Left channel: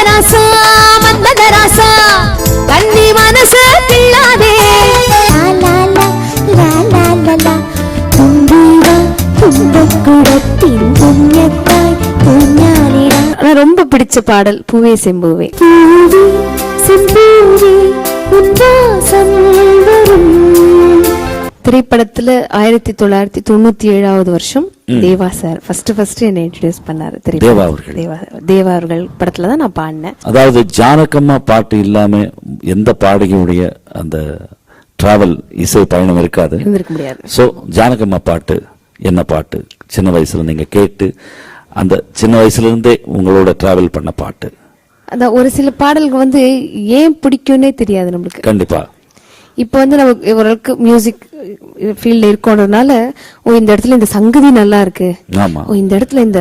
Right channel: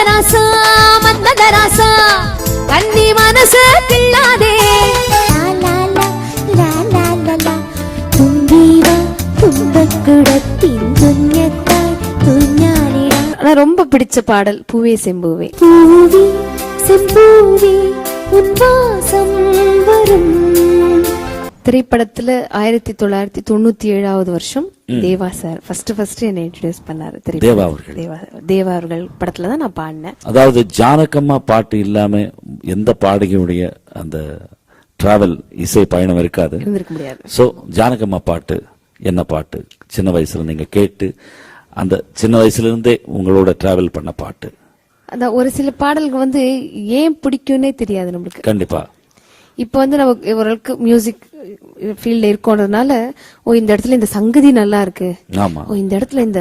மந்ததராசா மந்ததராசா கண்ணி மனசு கிள்ளாதே ரொம்ப பிடிச்ச பாடல் பூவே செம்பூவே. திரைப்படத்துல 1997 வருஷம் தேவா சார் ஃபர்ஸ்ட் என்ன இன்ட்ரோடியூஸ் பண்ணாரு. தேவா அவர்கள் படத்துல தான் நான் பாடினேன். அதாவது ஜானகம்மா பாட்டு இல்லாம எந்த பாடகியுடைய அந்த டிராவல் இசை பயணம் இருக்காது, இருந்திருக்க முடியாது. சோ ஜானகம்மா பாட்டு என்ன பாட்டு சின்ன வயசுல நீங்க கேட்டு அந்த சின்ன வயசுல இருந்தே உங்களோட டிராவல் பண்ண பாட்டு? அதான் ஒரு சில பாடல்கள் வந்து ஏன் பிடிக்கும்னே தெரியாது நம்மளுக்கு. கண்டிப்பா இப்ப வந்து நமக்கு ஓரளவுக்கு மியூசிக் ஃபீல்ட்ல இருக்கோன்றதுனால இந்த இடத்துல இந்த சங்கதி நல்லா இருக்கு, இந்த இடத்துல இந்த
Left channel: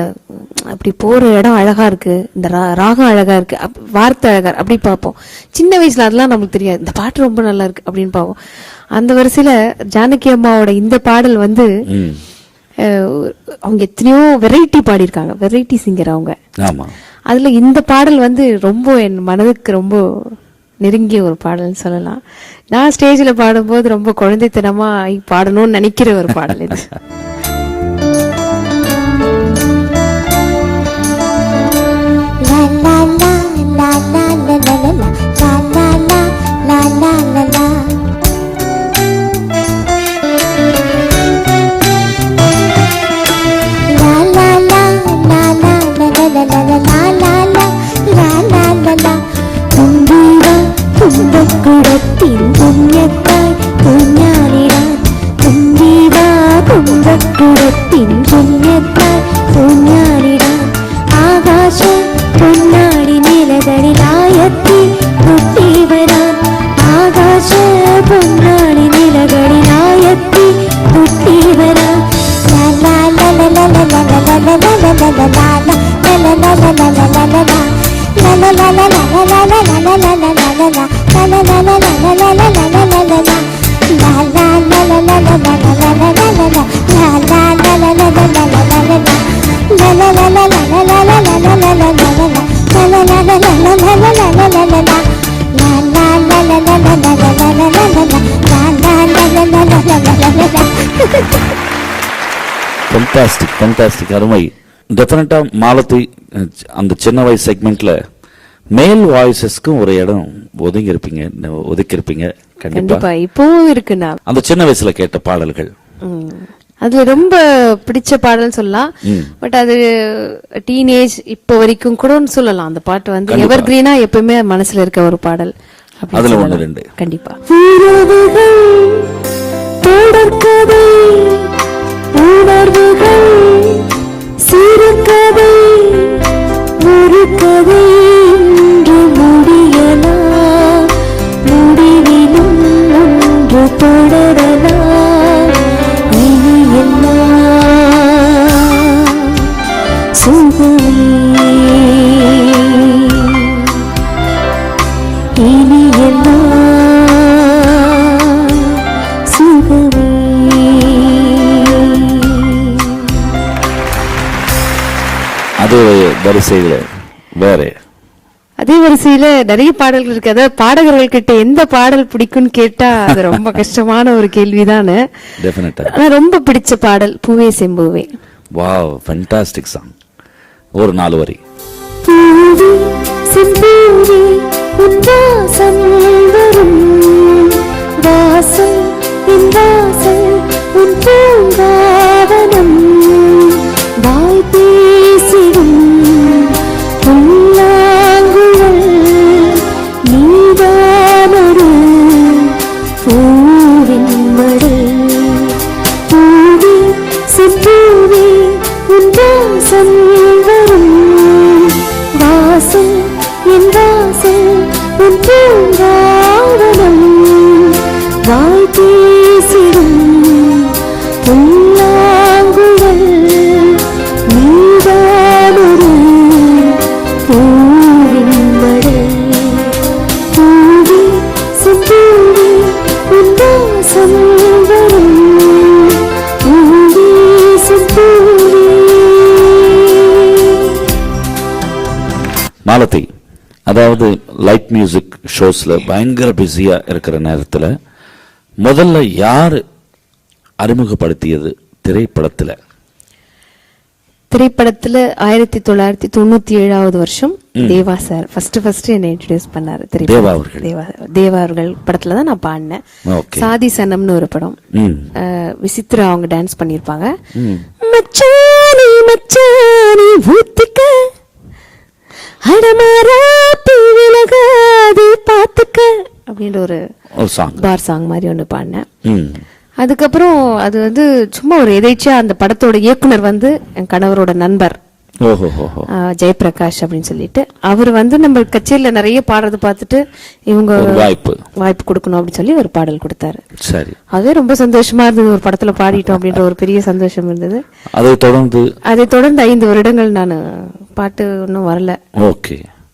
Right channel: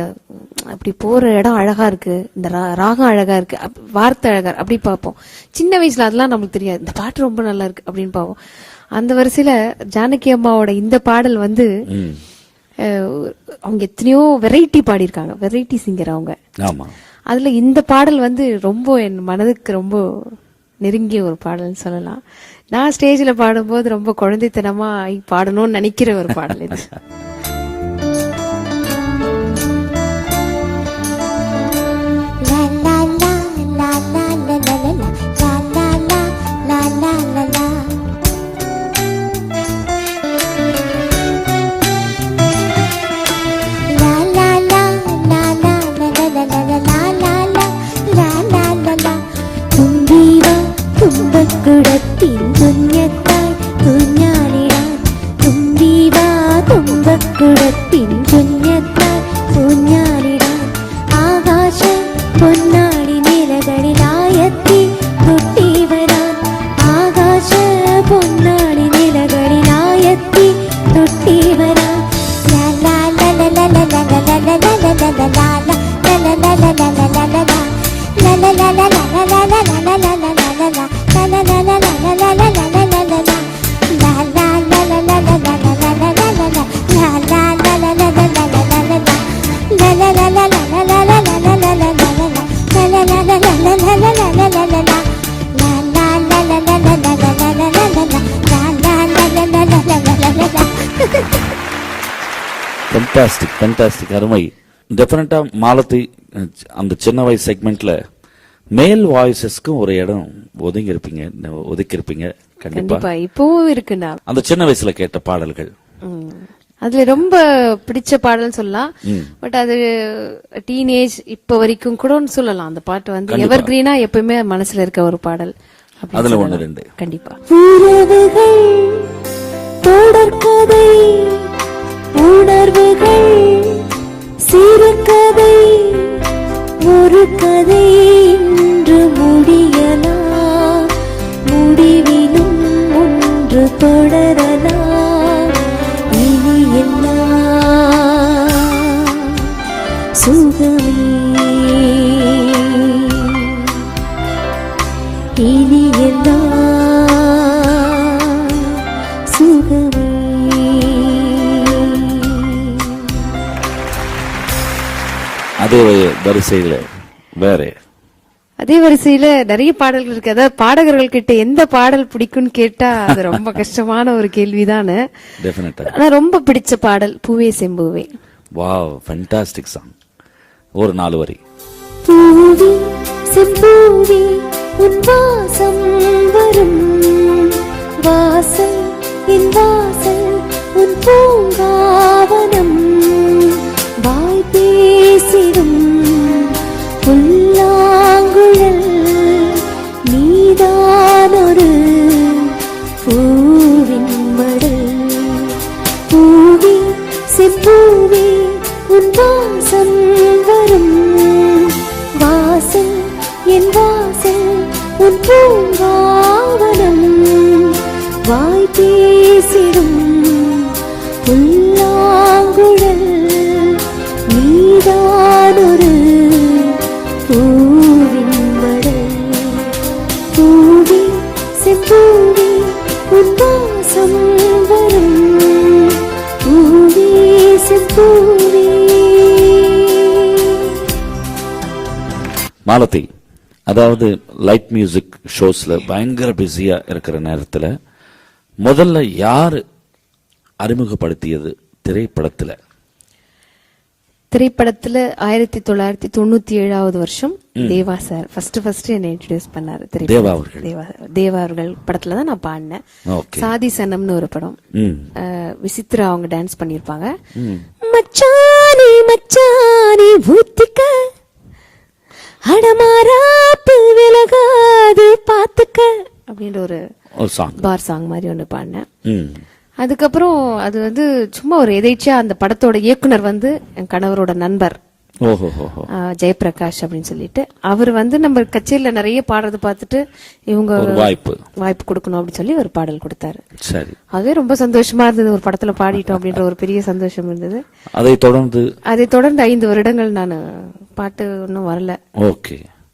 அப்படி போற இடம் அழகா இருக்கு, இந்த ராகம் அழகா இருக்கு, வார்த்தை அழகா அப்படி பார்ப்போம். சின்ன வயசுல அதெல்லாம் நமக்கு தெரியாது. இந்த பாட்டு ரொம்ப நல்லா இருக்கு அப்படின்னு பார்ப்போம். அந்த வரிசையில ஜானகி அம்மாவோட இந்த பாடல் வந்து அவங்க எத்தனையோ வெரைட்டி பாடியிருக்காங்க, வெரைட்டி சிங்கர் அவங்க. அதுல இந்த பாடல் வந்து ரொம்ப என் மனதுக்கு ரொம்ப நெருங்கிய ஒரு பாடல்னு சொல்லலாம். நான் ஸ்டேஜ்ல பாடும்போது ரொம்ப குழந்தைத்தனமா பாடணும்னு நினைக்கிற ஒரு பாடல் இது. ஃபண்டாஸ்டிக் அருமை. டெஃபினட்டா மாலதி அந்த சின்ன வயசு செக்மெண்ட்ல மேல் வாய்ஸஸ்க்கும் ஒரு இடம் ஒதுக்கி இருப்பீங்க கண்டிப்பா. இப்பவும் இருக்குண்ணா அந்த சின்ன வயசுல கேட்ட பாடல்கள் அது ரொம்ப பிடிச்ச பாடல் சொல்லலாம். பட் அது டீனேஜ் இப்ப வரைக்கும் கூட சொல்லலாம். அந்த பாட்டு வந்து எவர் கிரீனா எப்பவுமே மனசுல இருக்க ஒரு பாடல். அதுல ஒண்ணு ரெண்டு கண்டிப்பா. அதே வரிசையில நிறைய பாடல்கள் இருக்கு. அதாவது பாடகர்கள் கிட்ட எந்த பாடல் பிடிக்கும்னு கேட்டா அது ரொம்ப கஷ்டமான ஒரு கேள்விதானு. ரொம்ப பிடிச்ச பாடல் பூவே செம்பூவே. Wow, fantastic song. ஒரு 4 வரி. மாலதி, அதாவது லைட் மியூசிக் ஷோஸ்ல பயங்கர பிஸியா இருக்கிற நேரத்துல முதல்ல யாரு அறிமுகப்படுத்தியது திரைப்படத்துல? 1997 வருஷம் தேவா சார் ஃபர்ஸ்ட் என்னை இன்ட்ரோடியூஸ் பண்ணாரு. தேவா அவர்கள் படத்துல தான் நான் பாடினேன். சாதி சனம்னு ஒரு படம். விசித்ரா அவங்க டான்ஸ் பண்ணிருப்பாங்க. மச்சானே மச்சானே ஊத்திக்க அடமாரா பூவிலகாதே பாத்துக்க அப்படின்ற ஒரு பார் சாங் மாதிரி ஒண்ணு பாடினேன். அதுக்கப்புறம் அது வந்து சும்மா ஒரு எதேச்சியா அந்த படத்தோட இயக்குனர் வந்து என் கணவரோட நண்பர் ஜெயபிரகாஷ் அப்படின்னு சொல்லிட்டு அவர் வந்து நம்ம கச்சேரியில நிறைய பாடுறது பார்த்துட்டு இவங்க வாய்ப்பு கொடுக்கணும் அப்படின்னு சொல்லி ஒரு பாடல் கொடுத்தாரு. சரி, அதே ரொம்ப சந்தோஷமா இருந்தது. ஒரு படத்துல பாடிட்டோம் அப்படின்ற ஒரு பெரிய சந்தோஷம் இருந்தது. அதை தொடர்ந்து 5 வருடங்கள் நான் பாட்டு ஒன்னும் வரல.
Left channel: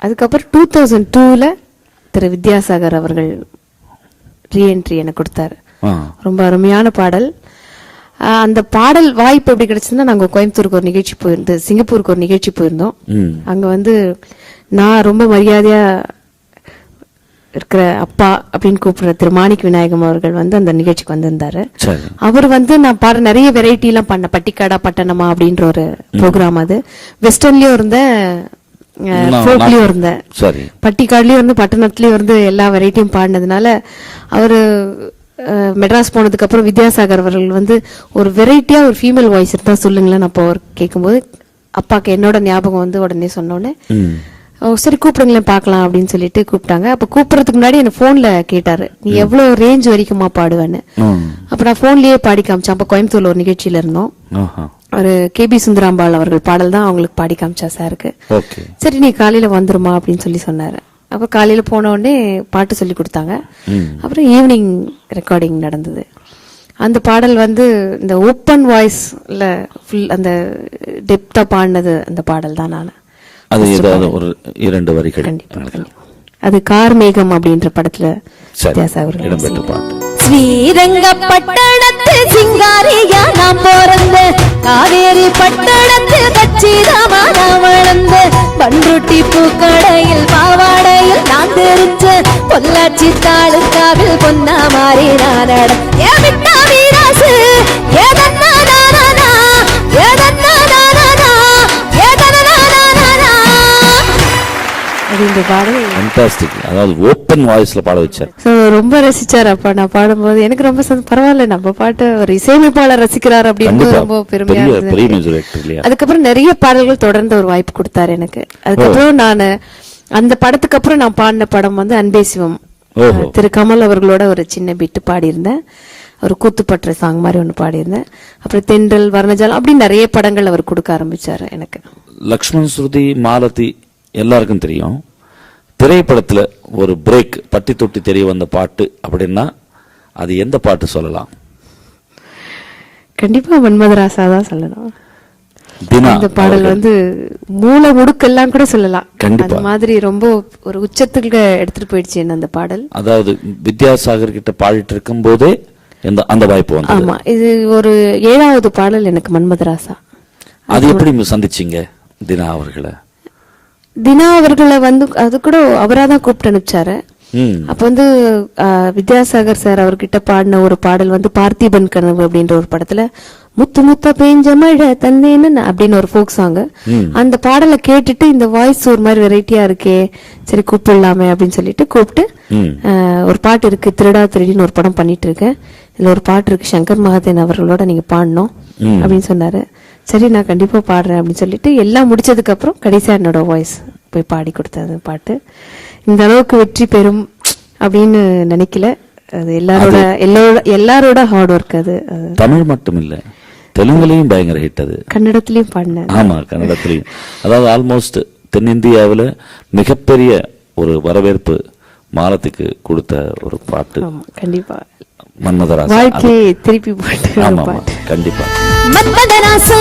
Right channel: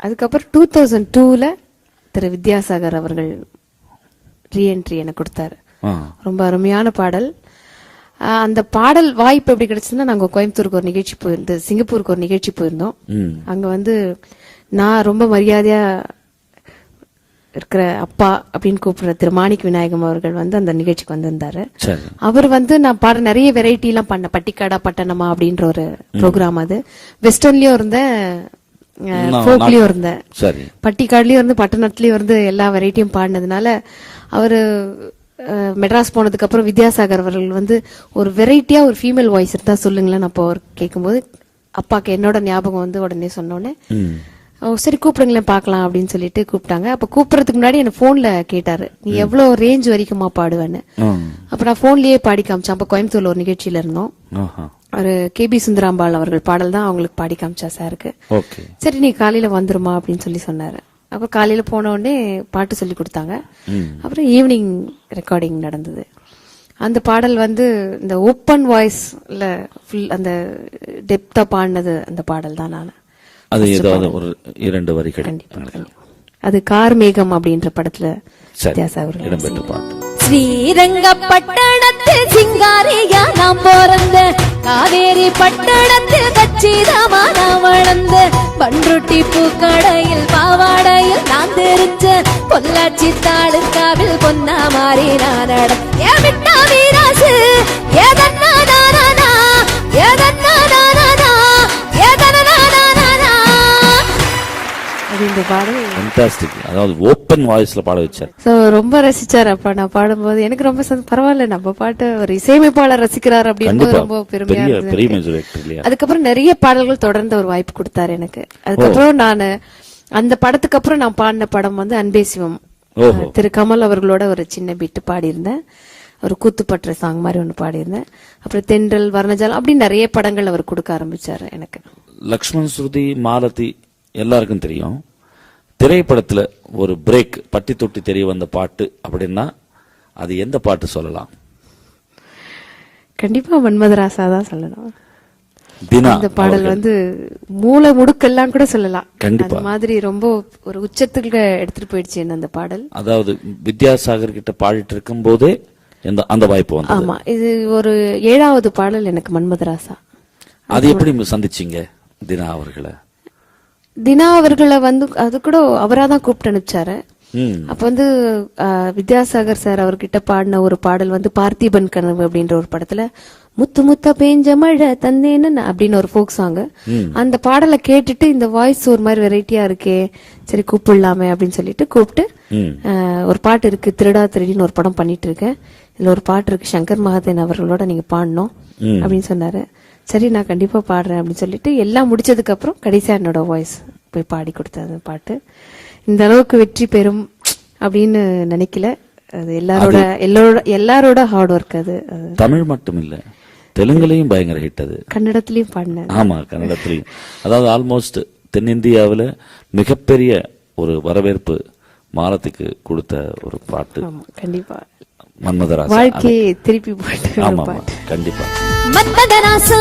அதுக்கப்புறம் 2002ல திரு வித்யாசாகர் அவர்கள் ரீஎன்ட்ரி எனக்கு கொடுத்தாரு. ரொம்ப அருமையான பாடல். அந்த பாடல் வாய்ப்பு எப்படி கிடைச்சதுன்னா, நாங்க கோயம்புத்தூருக்கு ஒரு நிகழ்ச்சி போயிருந்தோம், சிங்கப்பூருக்கு ஒரு நிகழ்ச்சி போயிருந்தோம். அங்க வந்து நான் ரொம்ப மரியாதையா இருக்கிற அப்பா அப்படின்னு கூப்பிடுற திரு மாணிக் விநாயகம் அவர்கள் வந்து அந்த நிகழ்ச்சிக்கு வந்திருந்தாரு. அவர் வந்து நான் பாட நிறைய வெரைட்டி எல்லாம் பண்ண, பட்டிக்காடா பட்டணமா அப்படின்ற ஒரு ப்ரோக்ராம். அது வெஸ்டர்ன்லயும் இருந்தேன், ஃபோக்லயும் இருந்தேன், பட்டிக்காடுலயும் இருந்து பட்டணத்துலயும் இருந்து எல்லா வெரைட்டியும் பாடினதுனால அவரு மெட்ராஸ் போனதுக்கு அப்புறம் வித்யாசாகர் அவர்கள் வந்து ஒரு வெரைட்டியா ஒரு ஃபீமேல் வாய்ஸ் இருந்தா சொல்லுங்களேன். அப்போ அவர் கேட்கும்போது அப்பாக்கு என்னோட ஞாபகம் வந்து உடனே சொன்னோன்னே சரி கூப்பிடுங்களேன் பாக்கலாம் அப்படின்னு சொல்லிட்டு கூப்பிட்டாங்க. அப்ப கூப்பிடுறதுக்கு முன்னாடி என்ன போன்ல கேட்டாரு, நீ எவ்வளவு ரேஞ்ச் வரைக்குமா பாடுவேன்னு. அப்ப நான் போன்லயே பாடி காமிச்சேன். அப்ப கோயம்புத்தூர்ல ஒரு நிகழ்ச்சியில இருந்தோம். ஒரு கேபி சுந்தராம்பாள் அவர்கள் பாடல் தான் அவங்களுக்கு பாடி காமிச்சா சாருக்கு. சரி நீ காலையில வந்துருமா அப்படின்னு சொல்லி சொன்னாரு. அப்ப காலையில போன உடனே பாட்டு சொல்லி கொடுத்தாங்க. அப்புறம் ஈவினிங் ரெக்கார்டிங் நடந்தது. அந்த பாடல் வந்து இந்த ஓப்பன் வாய்ஸ்ல ஃபுல் அந்த டெப்தா பாடினது அந்த பாடல் தான். நான் அது ஏதாவது ஒரு 2 வரிகள் அது கார்மேகம் அப்படின்ற படத்துல வித்யாசாகர் ஸ்ரீரங்கப்பட்டணத்து சிங்காரியா நாம் பிறந்த, காவேரி பட்டணத்தில் கச்சிதமா நாம் வளர்ந்த, பண்ருட்டி பூக்கடையில் பாவாடையில் நான் தெரிச்ச, பொள்ளாச்சி தாளுக்காவில் பொன்னா மாறி நான் நடந்தா வீராசு ஏதன்னா நானா ஏதன்னா நானா ஏதன்னா நானா அப்படின்ற பாடல் ஃபேன்டாஸ்டிக். அதாவது ஓப்பன் வாய்ஸ்ல பாட வச்சார். ரொம்ப ரசிச்சார். அப்பா நான் பாடும்போது எனக்கு ரொம்ப பரவாயில்ல, நம்ம பாட்டு ஒரு இசையமைப்பாளர் ரசிக்கிறார் அப்படின்னு ரொம்ப பெருமையா இருந்தது. அதுக்கப்புறம் நிறைய பாடல்கள் தொடர்ந்து ஒரு வாய்ப்பு கொடுத்தாரு எனக்கு. அதுக்கப்புறம் நான் அந்த படத்துக்கு அப்புறம் நான் பாடின படம் வந்து அன்பே சிவம். திரு கமல் அவர்களோட ஒரு சின்ன பிட்டு பாடியிருந்தேன். ஒரு கூத்துப்பற்ற சாங் மாதிரி ஒண்ணு பாடியிருந்தேன். அப்புறம் தென்றல் வர்ணஜாலம் அப்படி நிறைய படங்கள் அவர் கொடுக்க ஆரம்பிச்சாரு எனக்கு. லக்ஷ்மண், ஸ்ருதி, மாலதி எல்லாருக்கும் தெரியும். திரைப்படத்துல ஒரு பிரேக் பட்டி தொட்டி தெரிய வந்த பாட்டு அப்படின்னா அது எந்த பாட்டு சொல்லலாம்? கண்டிப்பா மன்மதராசா தான் சொல்லலாம். இந்த பாடல் வந்து மூல முடுக்கெல்லாம் கூட சொல்லலாம். கண்டிப்பா மாதிரி ரொம்ப ஒரு உச்சத்துக்கு எடுத்துட்டு போயிடுச்சு என்ன அந்த பாடல். அதாவது வித்யாசாகர் கிட்ட பாடிட்டு இருக்கும் போதே அந்த வாய்ப்பு வந்து. ஆமா, இது ஒரு 7வது பாடல் எனக்கு மன்மதராசா. அது எப்படி சந்திச்சீங்க தினா அவர்களை? தினா அவர்களை வந்து அது கூட அவராதான் கூப்பிட்டு அனுப்பிச்சாரு. அப்ப வந்து வித்யாசாகர் சார் அவர்கிட்ட பாடின ஒரு பாடல் வந்து பார்த்திபன் கனவு அப்படின்ற ஒரு படத்துல முத்து முத்த பேஞ்ச மழை தந்தேன்னு அப்படின்னு ஒரு ஃபோக் சாங். அந்த பாடலை கேட்டுட்டு இந்த வாய்ஸ் ஒரு மாதிரி வெரைட்டியா இருக்கே, சரி கூப்பிடலாமே அப்படின்னு சொல்லிட்டு கூப்பிட்டு ஒரு பாட்டு இருக்கு, திருடா திருடின்னு ஒரு படம் பண்ணிட்டு இருக்கேன், இதுல ஒரு பாட்டு இருக்கு, சங்கர் மகாதேவன் அவர்களோட நீங்க பாடணும் அப்படின்னு சொன்னாரு. சரி நான் கண்டிப்பா பாடுறேன் அப்படின்னு சொல்லிட்டு எல்லாம் முடிச்சதுக்கு அப்புறம் கடைசியா என்னோட வாய்ஸ் போய் பாடி கொடுத்தது பாட்டு. இந்த அளவுக்கு வெற்றி பெறும் அப்படின்னு நினைக்கல. அது எல்லாரோட ஹார்ட் ஒர்க். அது தமிழ் மட்டும் இல்ல, தெலுங்குலயும் பயங்கர ஹிட். அது கன்னடத்திலயும் பாடினேன். ஆமா, கன்னடத்திலயும். அதாவது ஆல்மோஸ்ட் தென்னிந்தியாவில மிகப்பெரிய ஒரு வரவேற்பு மாலத்துக்கு கொடுத்த ஒரு பாட்டு. கண்டிப்பா மன்மதராசா வாழ்க்கையை திருப்பி போட்டு. கண்டிப்பா மன்மதராசா